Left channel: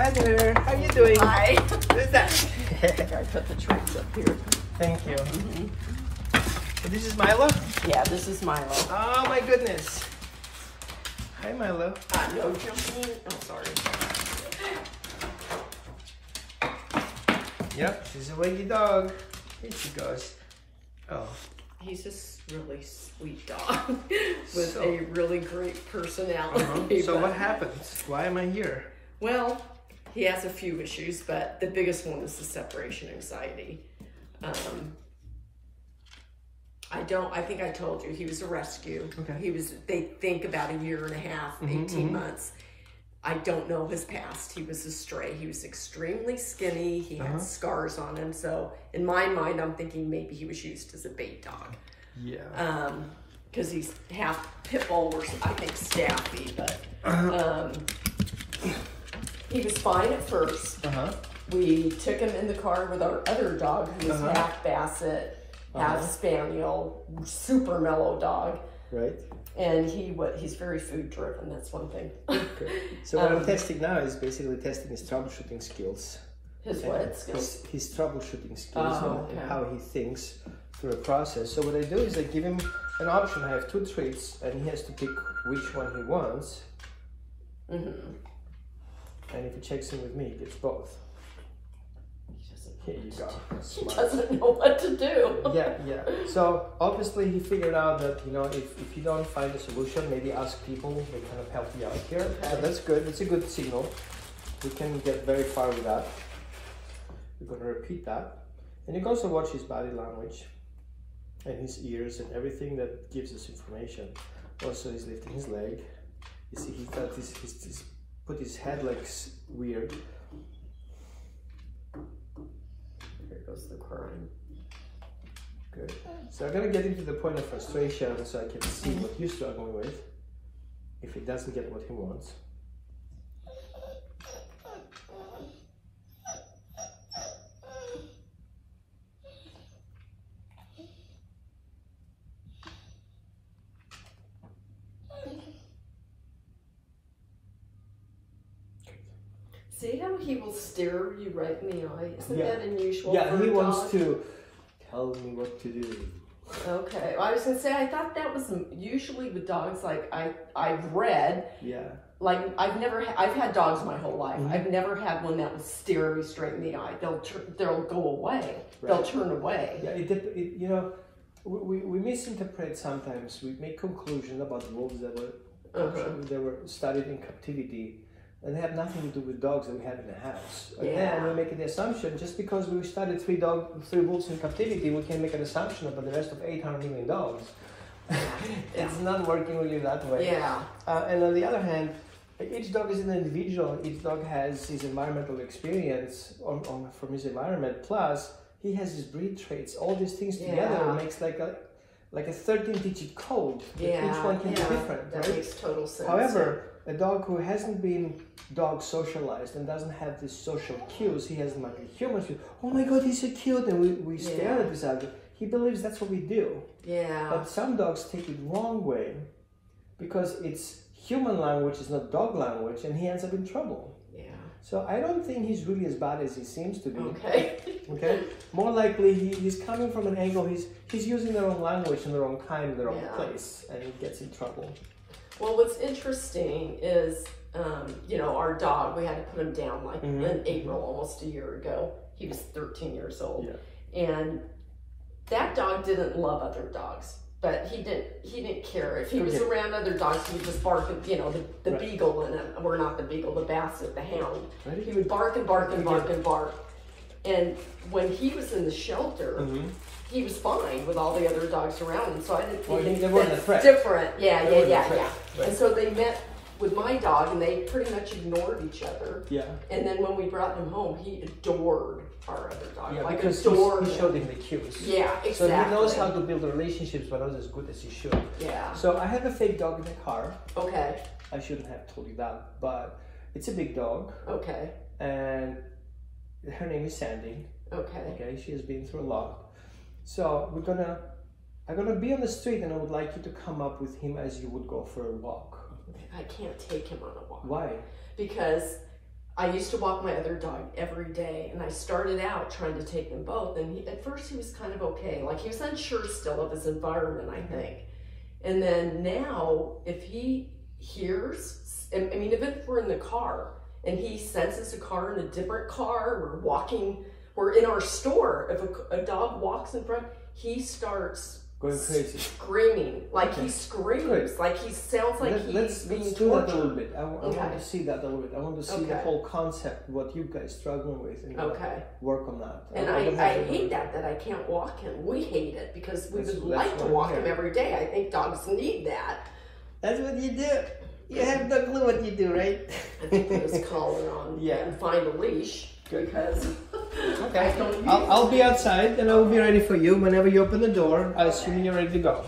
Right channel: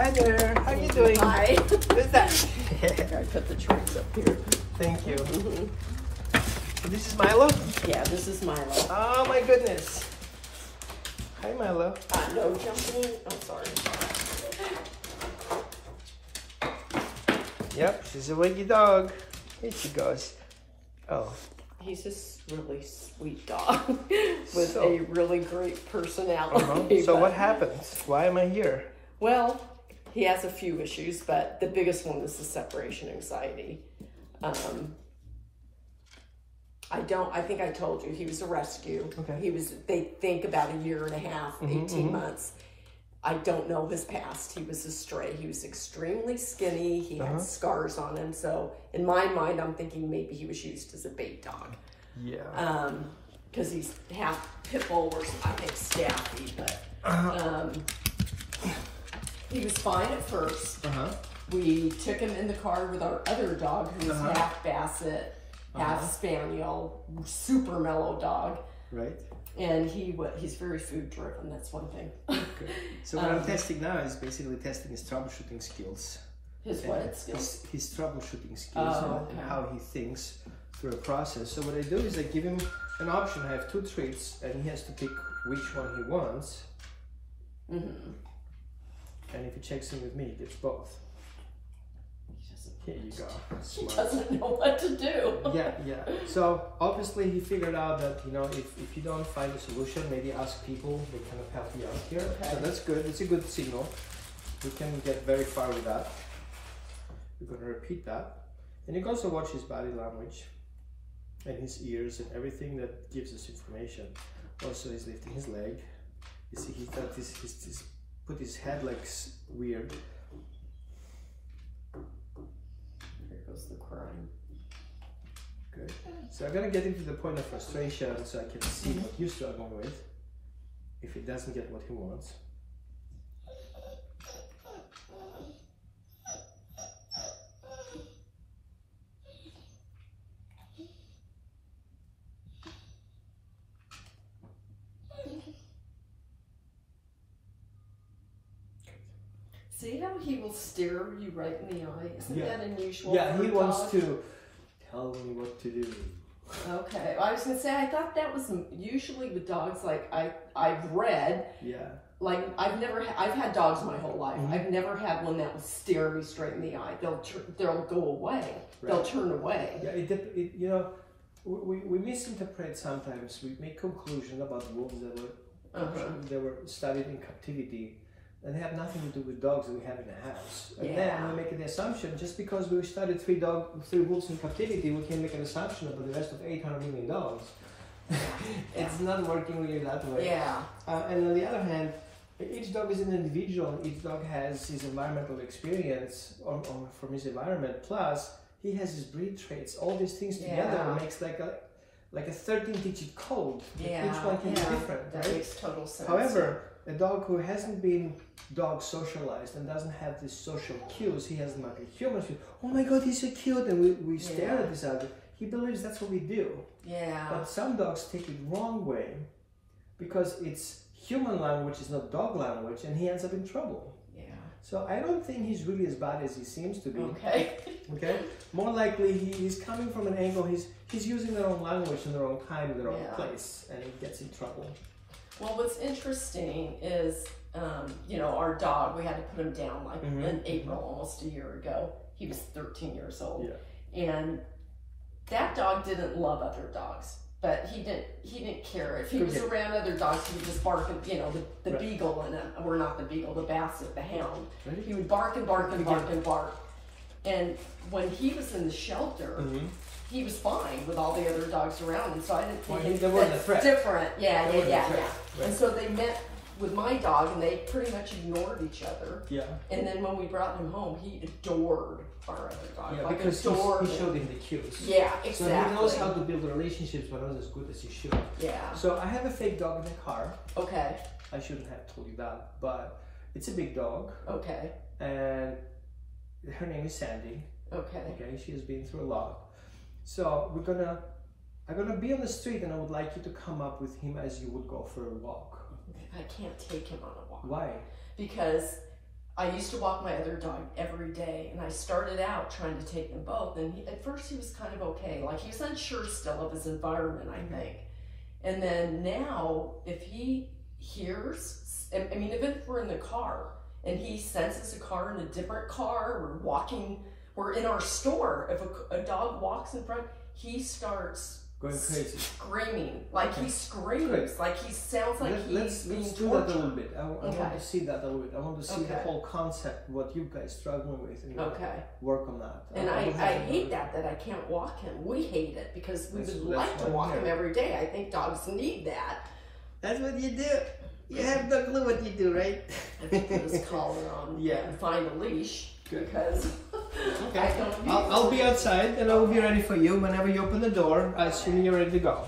Hi there. How you doing? Hi. Who's that? I put the trays up here. Thank you. So this is Milo? Yeah, this is Milo. Oh my goodness. Hi Milo. No jumping. Oh, sorry. Yep, this is a wiggy dog. Here she goes. Oh. He's just really sweet dog with a really great personality. So what happens? Why am I here? Well, he has a few issues, but the biggest one is the separation anxiety. I think I told you, he was a rescue. Okay. They think about a year and a half, 18 months. I don't know his past. He was a stray. He was extremely skinny. He had scars on him. So in my mind, I'm thinking maybe he was used as a bait dog. Yeah. Because he's half pit bull or I think staffy, but he was fine at first. We took him in the car with our other dog who was half Basset, half Spaniel, super mellow dog. Right. And he's very food driven. That's one thing. Okay. So what I'm testing now is basically testing his troubleshooting skills. His what skills? His troubleshooting skills and how he thinks through a process. So what I do is I give him an option. I have 2 treats and he has to pick which one he wants. And if he checks in with me, he gets both. Here you go. He doesn't know what to do. Yeah. So obviously he figured out that, you know, if you don't find a solution, maybe ask people, they kind of help you out here. Okay. So that's good. It's a good signal. We can get very far with that. We're going to repeat that. And you can also watch his body language and his ears and everything that gives us information. Also, he's lifting his leg. You see, he's put his head like weird. The crying. Good. So I'm gonna get into the point of frustration so I can see what you're struggling with. If he doesn't get what he wants. See how he will stare you right in the eye? Isn't that unusual? Yeah, for he a wants dog? to tell me what to do. Okay, well, I was gonna say I thought that was usually with dogs. Like I've read. Yeah. Like I've had dogs my whole life. I've never had one that would stare me straight in the eye. They'll go away. Right. They'll turn away. Yeah, you know, we misinterpret sometimes. We make conclusions about wolves that were studied in captivity. And they have nothing to do with dogs that we have in the house. And then we make the assumption, just because we studied 3 wolves in captivity, we can make an assumption about the rest of 800 million dogs. It's not working with you that way. Yeah. And on the other hand, each dog is an individual. Each dog has his environmental experience from his environment. Plus, he has his breed traits. All these things together makes like a 13-digit code. Yeah. Each one can be different. That makes total sense. However, a dog who hasn't been dog socialized and doesn't have these social cues, he has like a human view. Oh my God, he's so cute, and we stare at this other. He believes that's what we do. Yeah. But some dogs take it wrong way because it's human language, is not dog language, and he ends up in trouble. Yeah. So I don't think he's really as bad as he seems to be. Okay. Okay. More likely he's coming from an angle. He's using the wrong language in the wrong time, in the wrong place, and he gets in trouble. Well, what's interesting is, you know, our dog, we had to put him down like in April, almost a year ago. He was 13 years old. Yeah. And that dog didn't love other dogs, but he didn't care. If he was around other dogs, he would just bark, and, you know, the beagle, or not the beagle, the Basset, the hound. Right. He would bark and bark and bark and bark. And when he was in the shelter, he was fine with all the other dogs around him, so I didn't think that's different. Yeah. Right. And so they met with my dog, and they pretty much ignored each other. Yeah. And then when we brought him home, he adored our other dog. Yeah, like because he showed him the cues. Yeah, exactly. So he knows how to build relationships, but not as good as he should. Yeah. So I have a fake dog in the car. Okay. I shouldn't have told you that, but it's a big dog. Okay. And her name is Sandy. Okay. Okay. She has been through a lot. So I'm gonna be on the street, and I would like you to come up with him as you would go for a walk. I can't take him on a walk. Why? Because I used to walk my other dog every day, and I started out trying to take them both, and at first he was kind of okay. Like, he was unsure still of his environment, I think. And then now, if he hears, I mean, even if we're in the car, and he senses a car in a different car, we're in our store, if a dog walks in front, he starts going crazy, screaming, like he screams, good. Like he sounds like let's do that a little bit. I want to see that a little bit. I want to see the Okay. whole concept, what you guys struggling with, and Okay. work on that. And I hate that I can't walk him. We hate it because we would like to why walk I'm him here. every day. I think dogs need that. That's what you do. You have no clue what you do, right? I think put his collar on and find a leash. Good. Because Okay. I don't use I'll be outside and I will be ready for you whenever you open the door. I assume you're ready to go.